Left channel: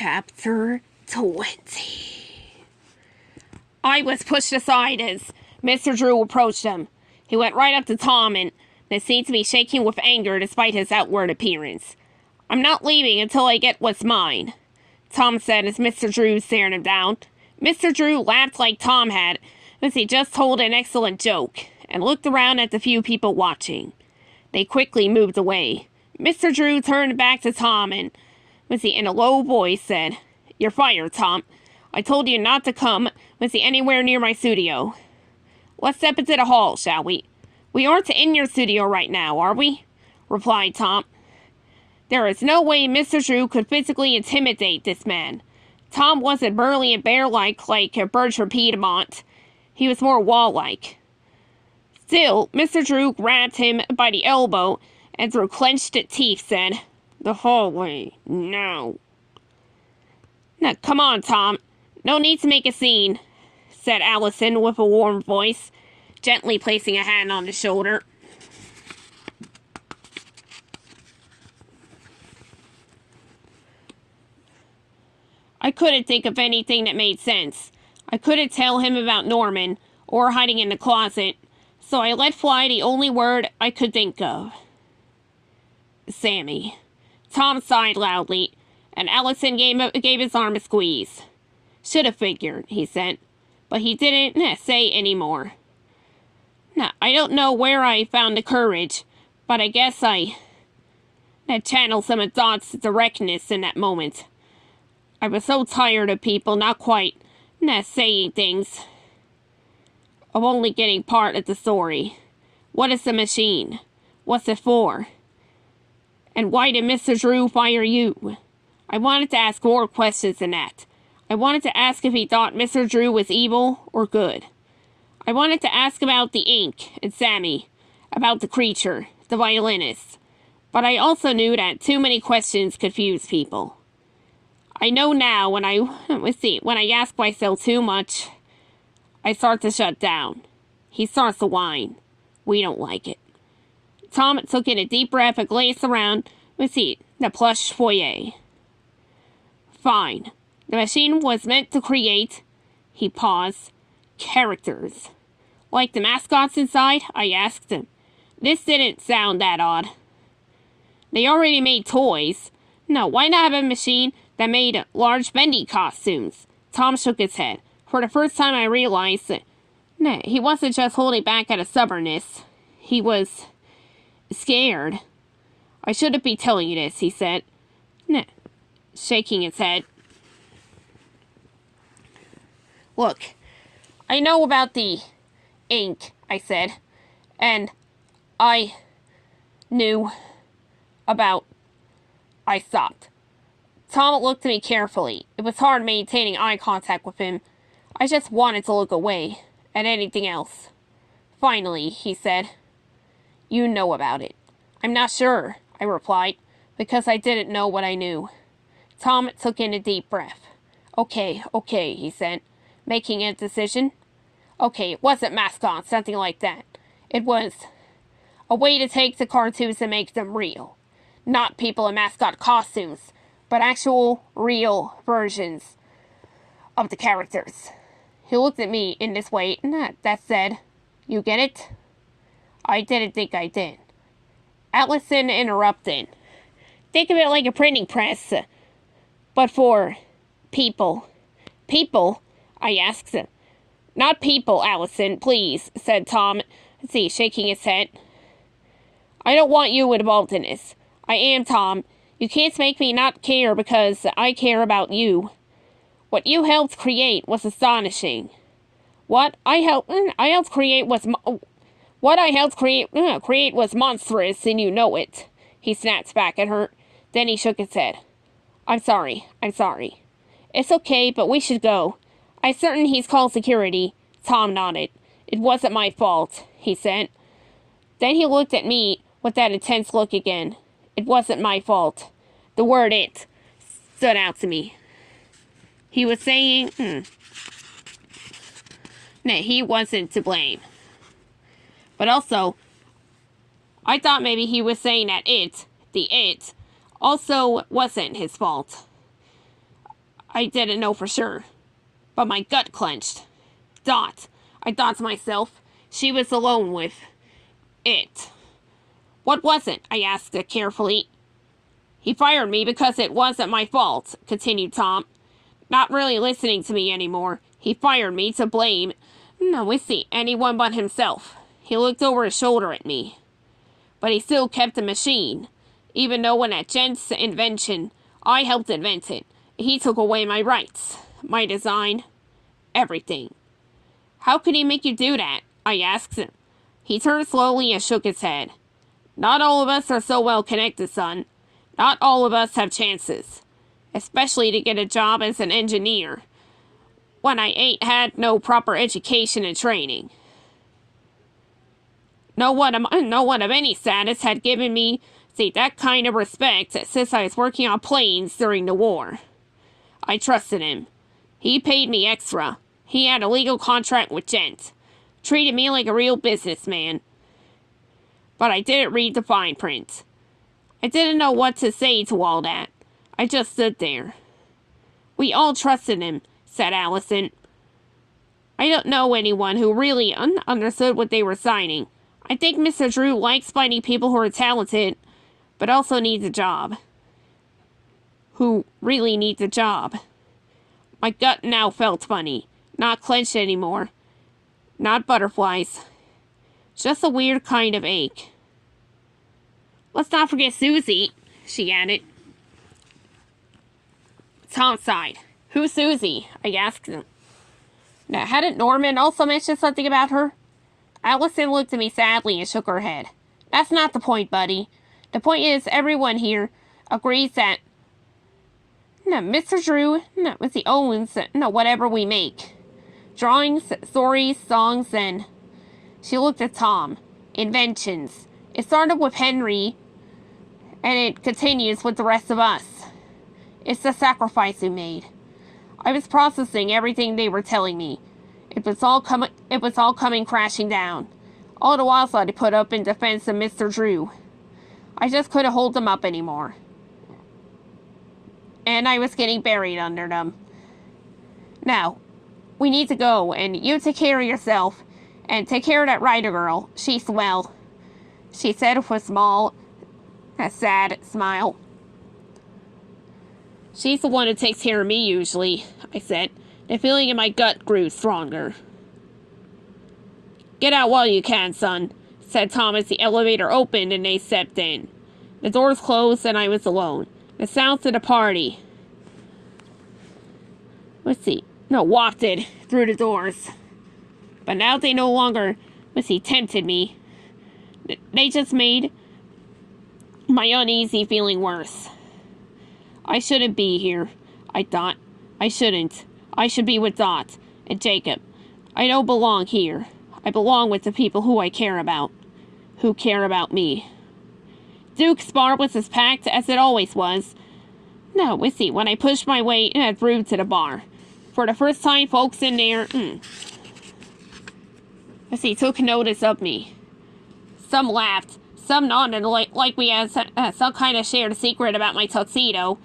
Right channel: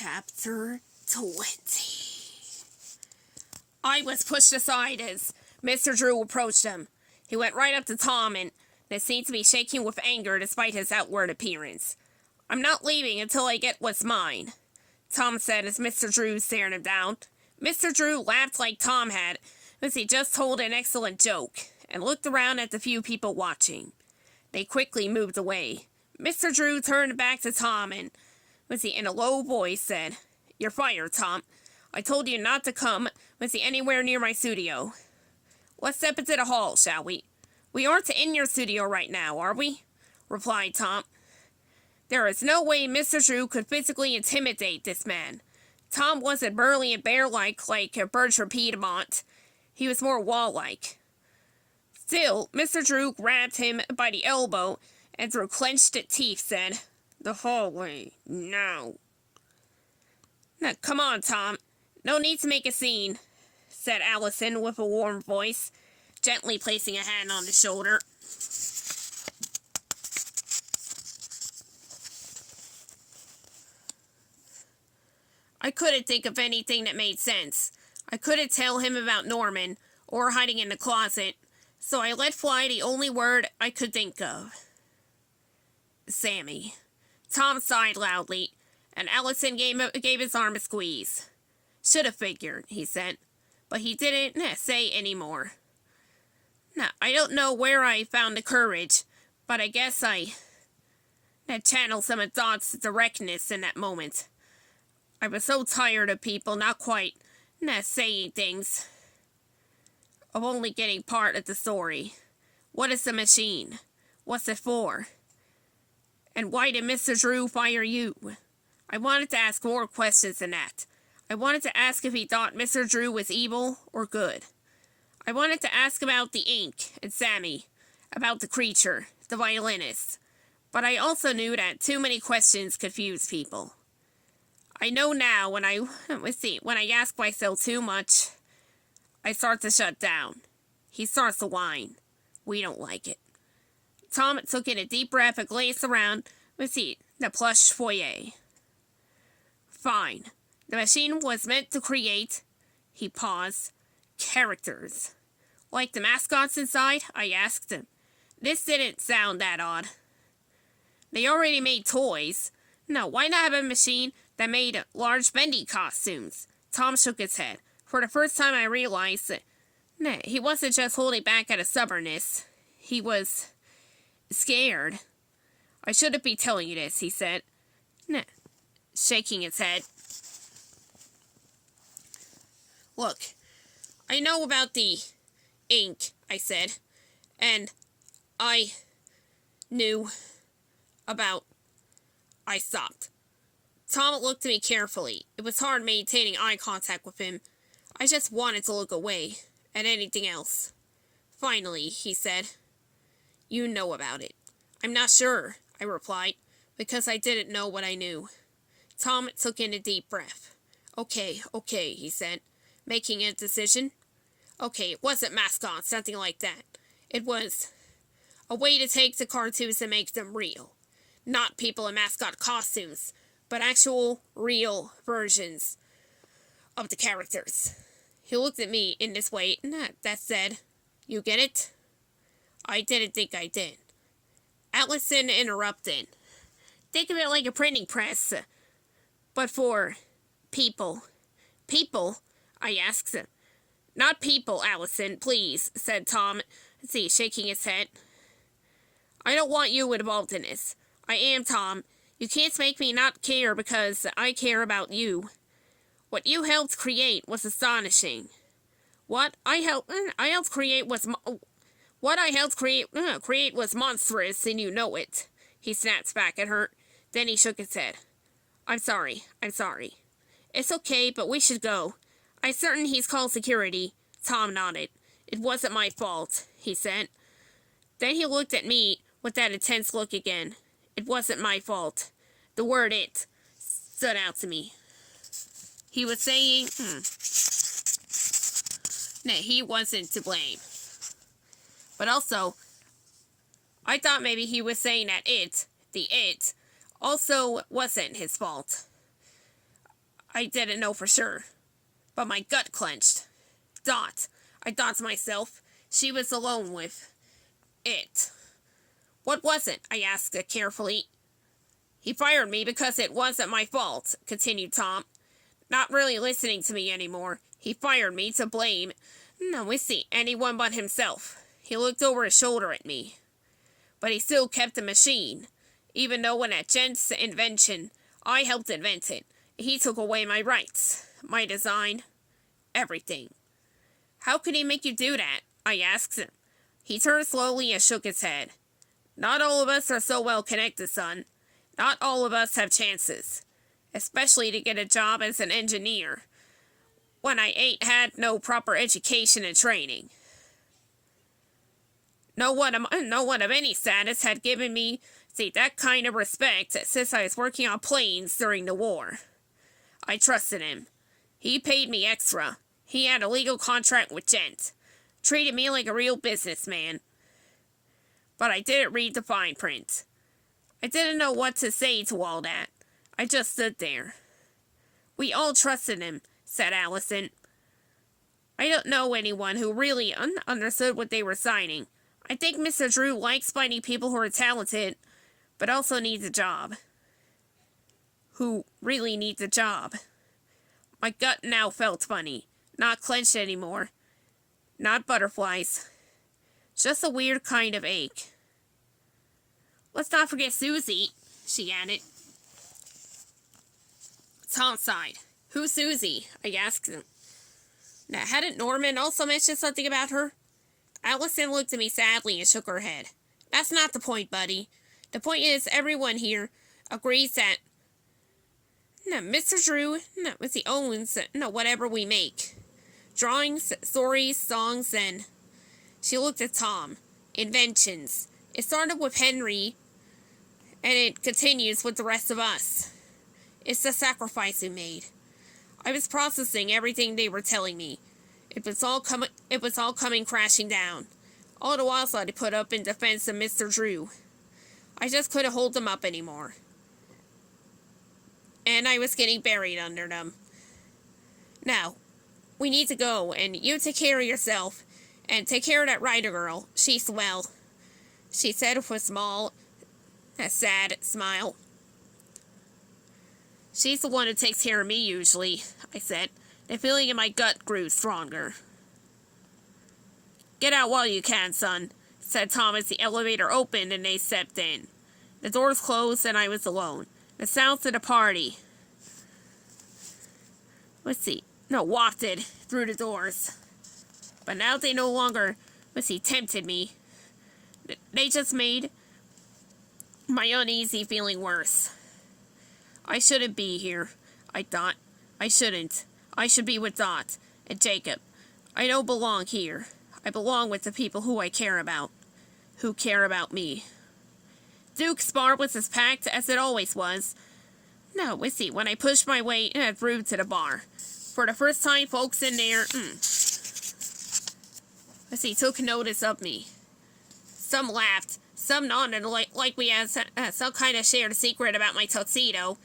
Chapter 20. I was pushed aside as Mr. Drew approached him. He went right up to Tom and then seemed to be shaking with anger despite his outward appearance. "I'm not leaving until I get what's mine," Tom said as Mr. Drew stared him down. Mr. Drew laughed like Tom had, as he just told an excellent joke, and looked around at the few people watching. They quickly moved away. Mr. Drew turned back to Tom and, in a low voice, said, "You're fired, Tom. I told you not to come, anywhere near my studio. Let's step into the hall, shall we?" "We aren't in your studio right now, are we?" replied Tom. There is no way Mr. Drew could physically intimidate this man. Tom wasn't burly and bear-like like Bertram Piedmont. He was more wall-like. Still, Mr. Drew grabbed him by the elbow and through clenched teeth said, "The hallway, now." "Now, come on, Tom. No need to make a scene," said Allison with a warm voice, gently placing a hand on his shoulder. I couldn't think of anything that made sense. I couldn't tell him about Norman or hiding in the closet, so I let fly the only word I could think of. "Sammy." Tom sighed loudly, and Allison gave his arm a squeeze. "Should have figured," he said, but he didn't say any more. Now, I don't know where I found the courage, but I guess I channeled some of Dot's directness in that moment. I was so tired of people not quite saying things, of only getting part of the story. What is the machine? What's it for? And why did Mr. Drew fire you? I wanted to ask more questions than that. I wanted to ask if he thought Mr. Drew was evil or good. I wanted to ask about the ink and Sammy, about the creature, the violinist. But I also knew that too many questions confuse people. I know now when I ask myself too much, I start to shut down. He starts to whine. We don't like it. Tom took in a deep breath and glanced around the plush foyer. "Fine. The machine was meant to create," he paused, "characters. Like the mascots inside?" I asked him. This didn't sound that odd. "They already made toys. No, why not have a machine that made large bendy costumes?" Tom shook his head. For the first time I realized that he wasn't just holding back out of stubbornness. He was scared. "I shouldn't be telling you this," he said, shaking his head. "Look, I know about the ink," I said, "and I knew about..." I stopped. Tom looked at me carefully. It was hard maintaining eye contact with him. I just wanted to look away, at anything else. Finally, he said, "You know about it." "I'm not sure," I replied, because I didn't know what I knew. Tom took in a deep breath. Okay, he said, making a decision. "Okay, it wasn't mascots, something like that. It was a way to take the cartoons and make them real. Not people in mascot costumes, but actual, real versions of the characters." He looked at me in this way, that said, "You get it?" I didn't think I did. Allison interrupted. "Think of it like a printing press, but for people." "People?" I asked. "Not people, Allison, please," said Tom, shaking his head. "I don't want you involved in this. I am Tom. You can't make me not care because I care about you. What you helped create was astonishing. What I helped create was monstrous, and you know it." He snapped back at her. Then he shook his head. I'm sorry. "It's okay, but we should go. I'm certain he's called security." Tom nodded. "It wasn't my fault," he said. Then he looked at me with that intense look again. It wasn't my fault. The word "it" stood out to me. He was saying, he wasn't to blame. But also, I thought maybe he was saying that the it, also wasn't his fault. I didn't know for sure, but my gut clenched. Dot, I thought to myself. She was alone with it. What was it? I asked it carefully. He fired me because it wasn't my fault, continued Tom, not really listening to me anymore. He fired me to blame, anyone but himself. He looked over his shoulder at me. But he still kept the machine, even though when that Gent's invention, I helped invent it. He took away my rights, my design, everything. How could he make you do that? I asked him. He turned slowly and shook his head. Not all of us are so well connected, son. Not all of us have chances, especially to get a job as an engineer, when I ain't had no proper education and training. No one of any status had given me that kind of respect since I was working on planes during the war. I trusted him. He paid me extra. He had a legal contract with Gent. Treated me like a real businessman. But I didn't read the fine print. I didn't know what to say to all that. I just stood there. We all trusted him, said Allison. I don't know anyone who really understood what they were signing. I think Mr. Drew likes finding people who are talented, but also needs a job. Who really needs a job. My gut now felt funny, not clenched anymore. Not butterflies. Just a weird kind of ache. Let's not forget Susie, she added. Tom sighed. Who's Susie? I asked him. Now, hadn't Norman also mentioned something about her? Allison looked at me sadly and shook her head. That's not the point, buddy. The point is everyone here agrees that Mr. Drew was the owns whatever we make. Drawings, stories, songs, and... She looked at Tom. Inventions. It started with Henry, and it continues with the rest of us. It's the sacrifice we made. I was processing everything they were telling me. It was all coming crashing down. All the while I had to put up in defense of Mr. Drew. I just couldn't hold them up anymore. And I was getting buried under them. Now, we need to go, and you take care of yourself, and take care of that writer girl. She's well, she said with a sad smile. She's the one who takes care of me usually, I said. The feeling in my gut grew stronger. Get out while you can, son, said Tom as the elevator opened and they stepped in. The doors closed and I was alone. The sounds of the party wafted through the doors. But now they no longer, tempted me. They just made my uneasy feeling worse. I shouldn't be here, I thought. I shouldn't. I should be with Dot and Jacob. I don't belong here. I belong with the people who I care about. Who care about me. Duke's bar was as packed as it always was. When I pushed my way through to the bar. For the first time, folks in there, took notice of me. Some laughed. Some nodded like we had some kind of shared secret about my tuxedo.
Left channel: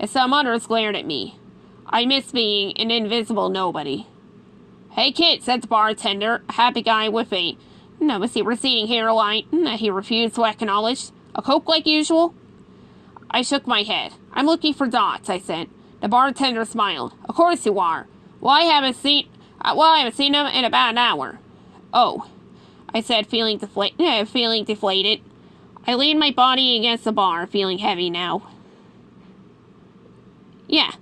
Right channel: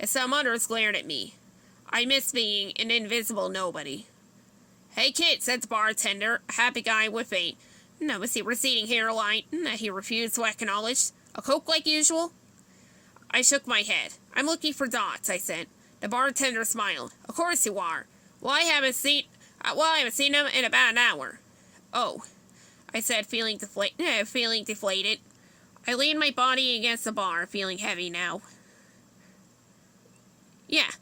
And some others glared at me. I miss being an invisible nobody. Hey, kid, said the bartender, a happy guy with a receding hairline he refused to acknowledge. A Coke like usual? I shook my head. I'm looking for Dot, I said. The bartender smiled. Of course you are. Well, I haven't seen him in about an hour. Oh, I said, feeling deflated. I leaned my body against the bar, feeling heavy now. Yeah,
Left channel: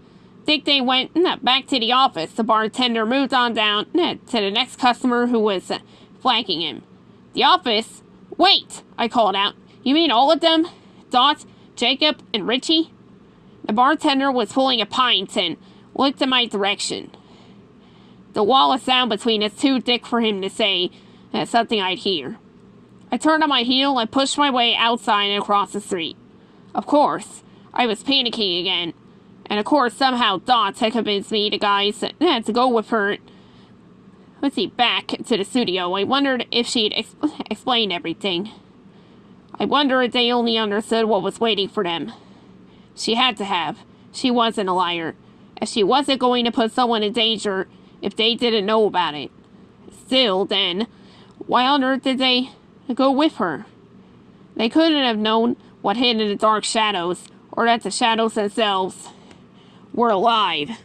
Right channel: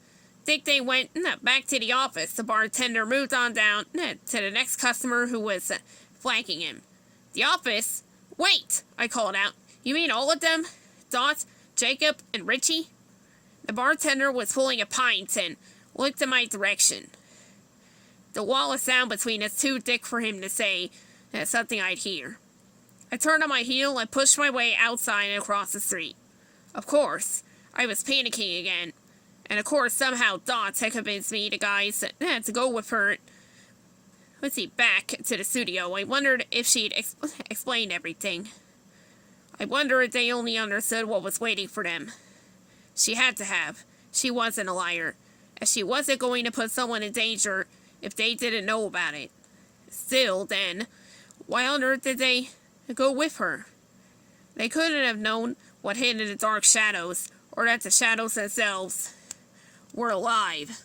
think they went back to the office. The bartender moved on down to the next customer who was flanking him. The office? Wait, I called out. You mean all of them? Dot, Jacob, and Richie? The bartender was pulling a pint and looked in my direction. The wall of sound between us too thick for him to say something I'd hear. I turned on my heel and pushed my way outside and across the street. Of course, I was panicking again. And of course, somehow Dot had convinced me, the guys, to go with her. Back to the studio. I wondered if she'd explained everything. I wondered if they only understood what was waiting for them. She had to have. She wasn't a liar. as she wasn't going to put someone in danger if they didn't know about it. Still, then, why on earth did they go with her? They couldn't have known what hid in the dark shadows, or that the shadows themselves were alive.